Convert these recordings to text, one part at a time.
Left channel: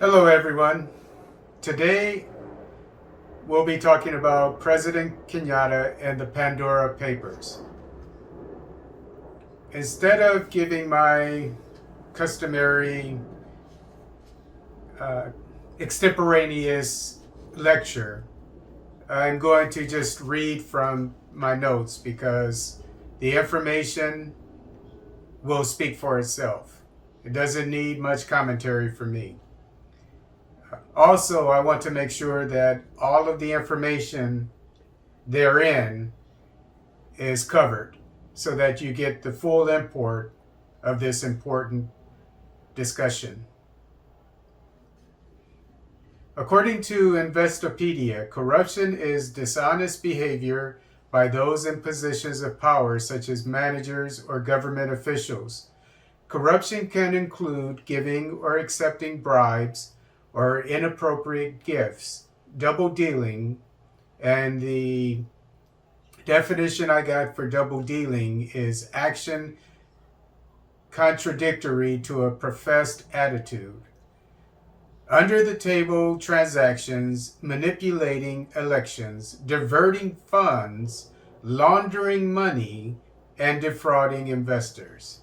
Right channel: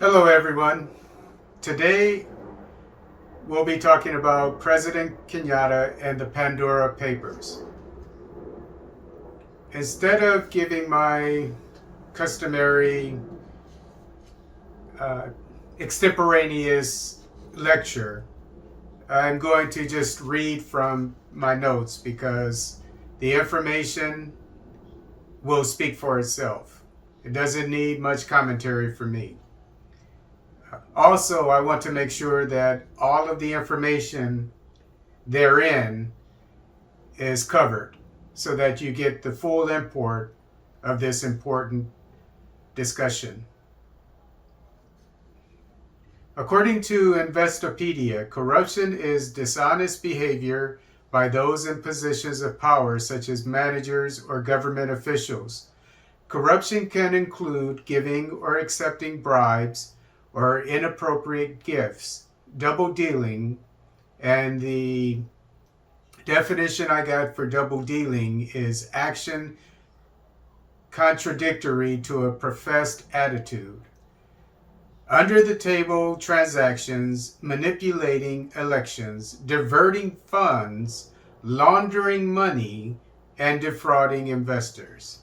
Hello, everyone. Today we'll be talking about President Kenyatta and the Pandora Papers. Instead of giving my customary uh, extemporaneous lecture, I'm going to just read from my notes because the information will speak for itself. It doesn't need much commentary from me. Also, I want to make sure that all of the information therein is covered so that you get the full import of this important discussion. According to Investopedia, corruption is dishonest behavior by those in positions of power, such as managers or government officials. Corruption can include giving or accepting bribes or inappropriate gifts, double dealing, and the definition I got for double dealing is action contradictory to a professed attitude. Under the table transactions, manipulating elections, diverting funds, laundering money, and defrauding investors.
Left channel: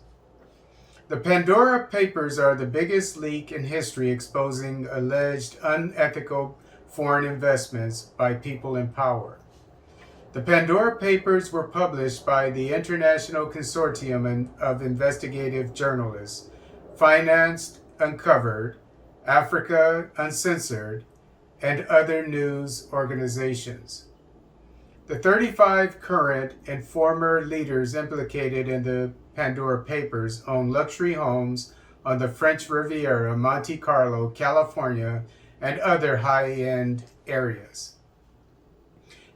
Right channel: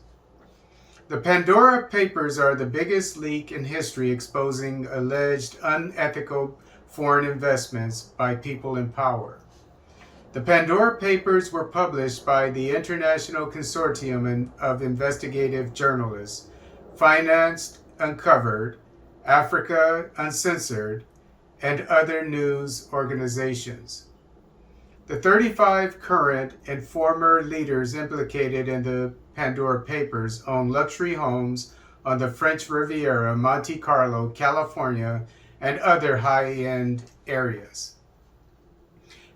The Pandora Papers are the biggest leak in history exposing alleged unethical foreign investments by people in power. The Pandora Papers were published by the International Consortium of Investigative Journalists, Financed Uncovered, Africa Uncensored, and other news organizations. The 35 current and former leaders implicated in the Pandora Papers own luxury homes on the French Riviera, Monte Carlo, California, and other high-end areas.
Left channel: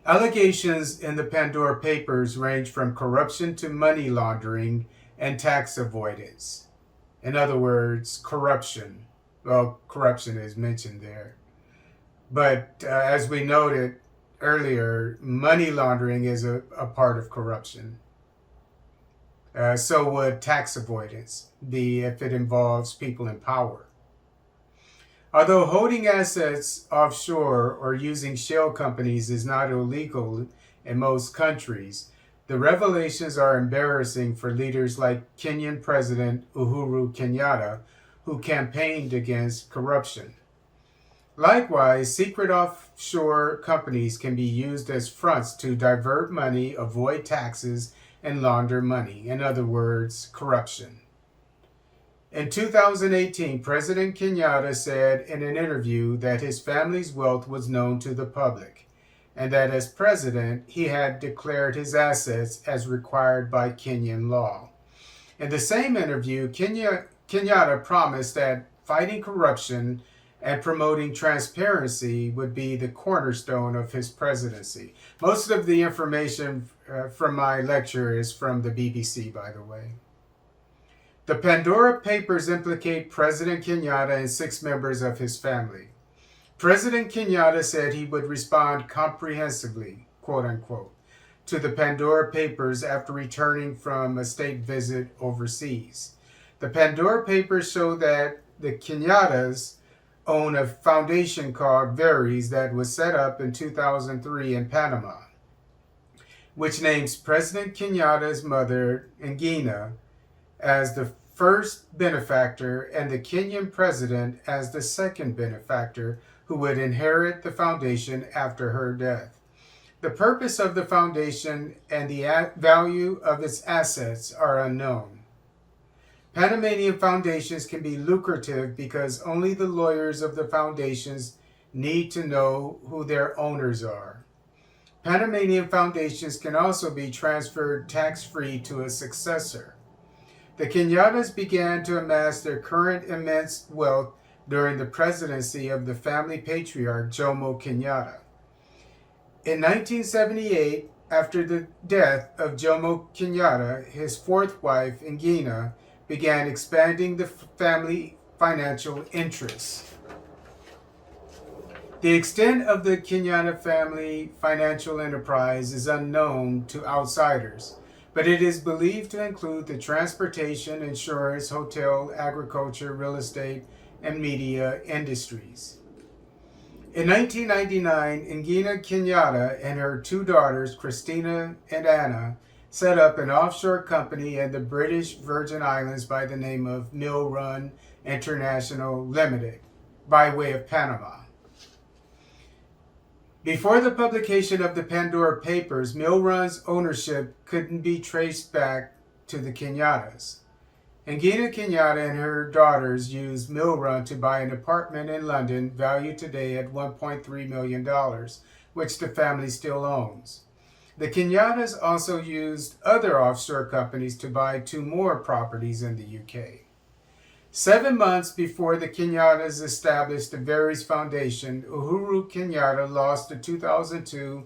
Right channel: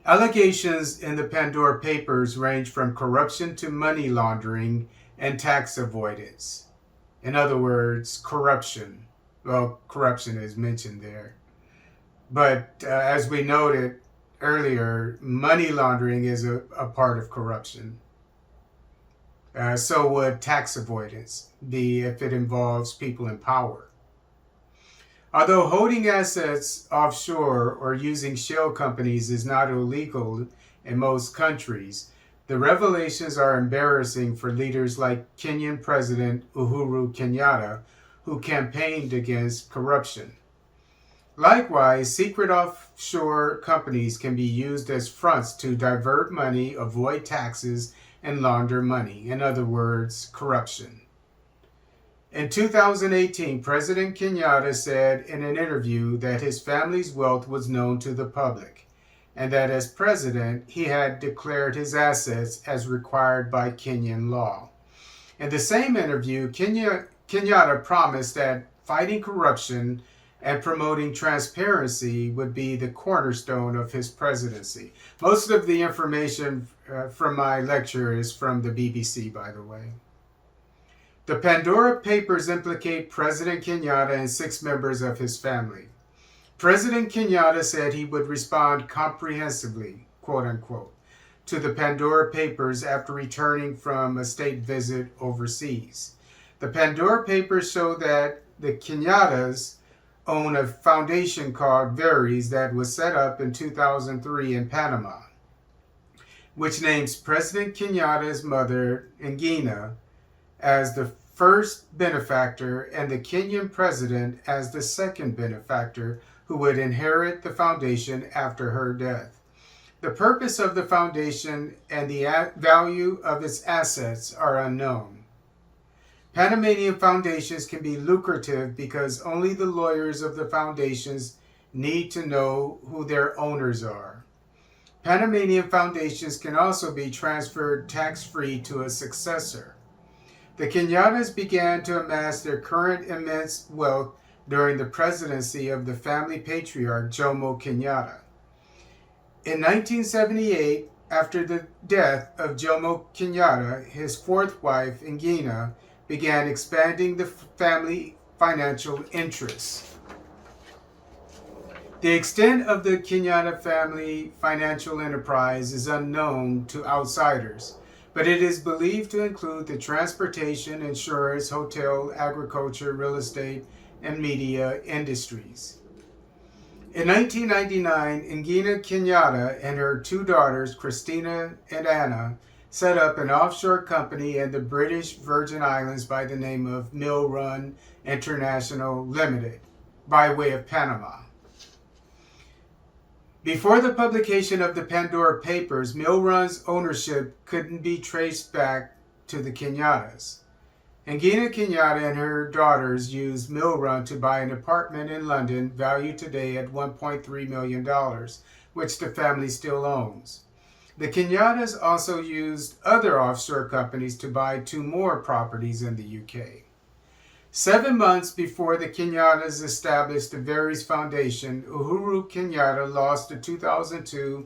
Allegations in the Pandora Papers range from corruption to money laundering and tax avoidance. In other words, corruption. Well, corruption is mentioned there. But as we noted earlier, money laundering is a part of corruption. So would tax avoidance be if it involves people in power. Although holding assets offshore or using shell companies is not illegal in most countries, the revelations are embarrassing for leaders like Kenyan President Uhuru Kenyatta, who campaigned against corruption. Likewise, secret offshore companies can be used as fronts to divert money, avoid taxes, and launder money. In other words, corruption. In 2018, President Kenyatta said in an interview that his family's wealth was known to the public, and that as president, he had declared his assets as required by Kenyan law. In the same interview, Kenyatta promised that fighting corruption and promoting transparency would be the cornerstone of his presidency. Most of the information from my lecture is from the BBC, by the way. The Pandora Papers implicate President Kenyatta and 6 members of his family. President Kenyatta said he would respond comprehensively, quote unquote, to the Pandora Papers after returning from a state visit overseas. The Pandora Papers show that the Kenyattas own a foundation called Veris that was set up in 2003 in Panama, which names President Kenyatta's mother, Ngina, as the first benefactor and the Kenyan president as the second benefactor who would inherit the foundation after her death. The purpose of the foundation and the value of its assets are unknown. Panamanian foundations can be lucrative because only the lawyers of the foundations need to know who their owners are. Panamanian foundations can also be transferred tax-free to a successor. The Kenyattas began to amass their current immense wealth during the presidency of the family patriarch Jomo Kenyatta. In 1978, after the death of Jomo Kenyatta, his fourth wife, Ngina, began expanding the family financial interests. The extent of the Kenyatta family financial enterprise is unknown to outsiders, but it is believed to include the transportation, insurance, hotel, agriculture, real estate, and media industries. In 1999, Ngina Kenyatta and her two daughters, Christina and Anna, set up an offshore company in the British Virgin Islands by the name of Mill Run International Limited, by way of Panama. Before the publication of the Pandora Papers, Mill Run's ownership couldn't be traced back to the Kenyattas. Ngina Kenyatta and her daughters used Mill Run to buy an apartment in London valued today at $1.3 million, which the family still owns. The Kenyattas also used other offshore companies to buy 2 more properties in the UK. 7 months before the Kenyattas established the Veris Foundation, Uhuru Kenyatta lost the 2002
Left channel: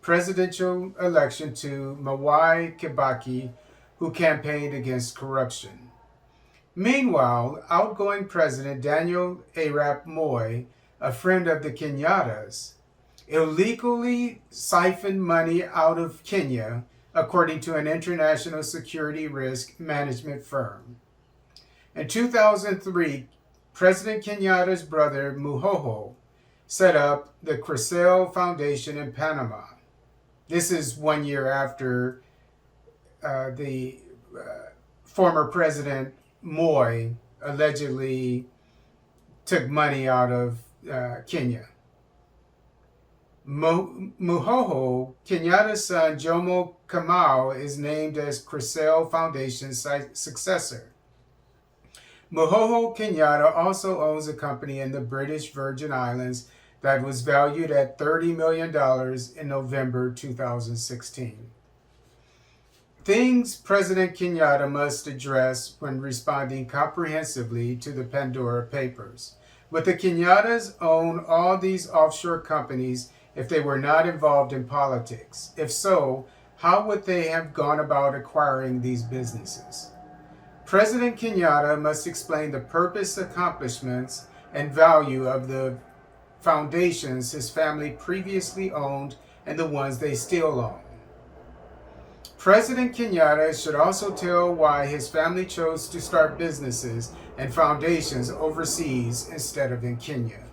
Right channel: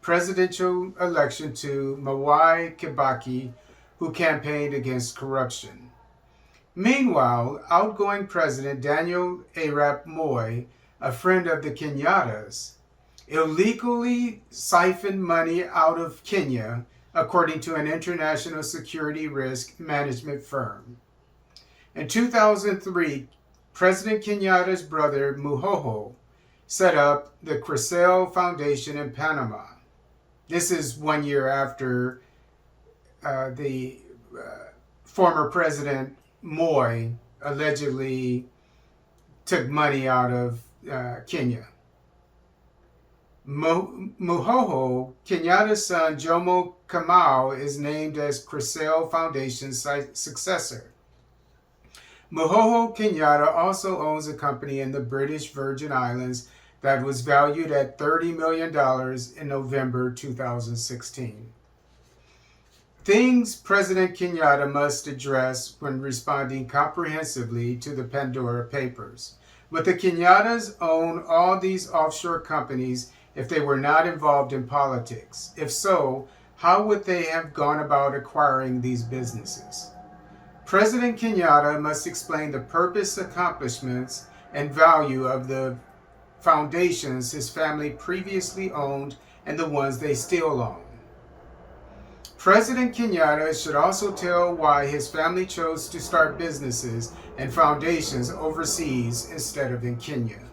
presidential election to Mwai Kibaki, who campaigned against corruption. Meanwhile, outgoing President Daniel Arap Moi, a friend of the Kenyattas, illegally siphoned money out of Kenya, according to an international security risk management firm. In 2003, President Kenyatta's brother Muhoho set up the Crisel Foundation in Panama. This is 1 year after the former President Moi allegedly took money out of Kenya. Muhoho, Kenyatta's son Jomo Kamau, is named as Crisel Foundation's successor. Muhoho Kenyatta also owns a company in the British Virgin Islands that was valued at $30 million in November 2016. Things President Kenyatta must address when responding comprehensively to the Pandora Papers. Would the Kenyattas own all these offshore companies if they were not involved in politics? If so, how would they have gone about acquiring these businesses? President Kenyatta must explain the purpose, accomplishments, and value of the foundations his family previously owned and the ones they still own. President Kenyatta should also tell why his family chose to start businesses and foundations overseas instead of in Kenya.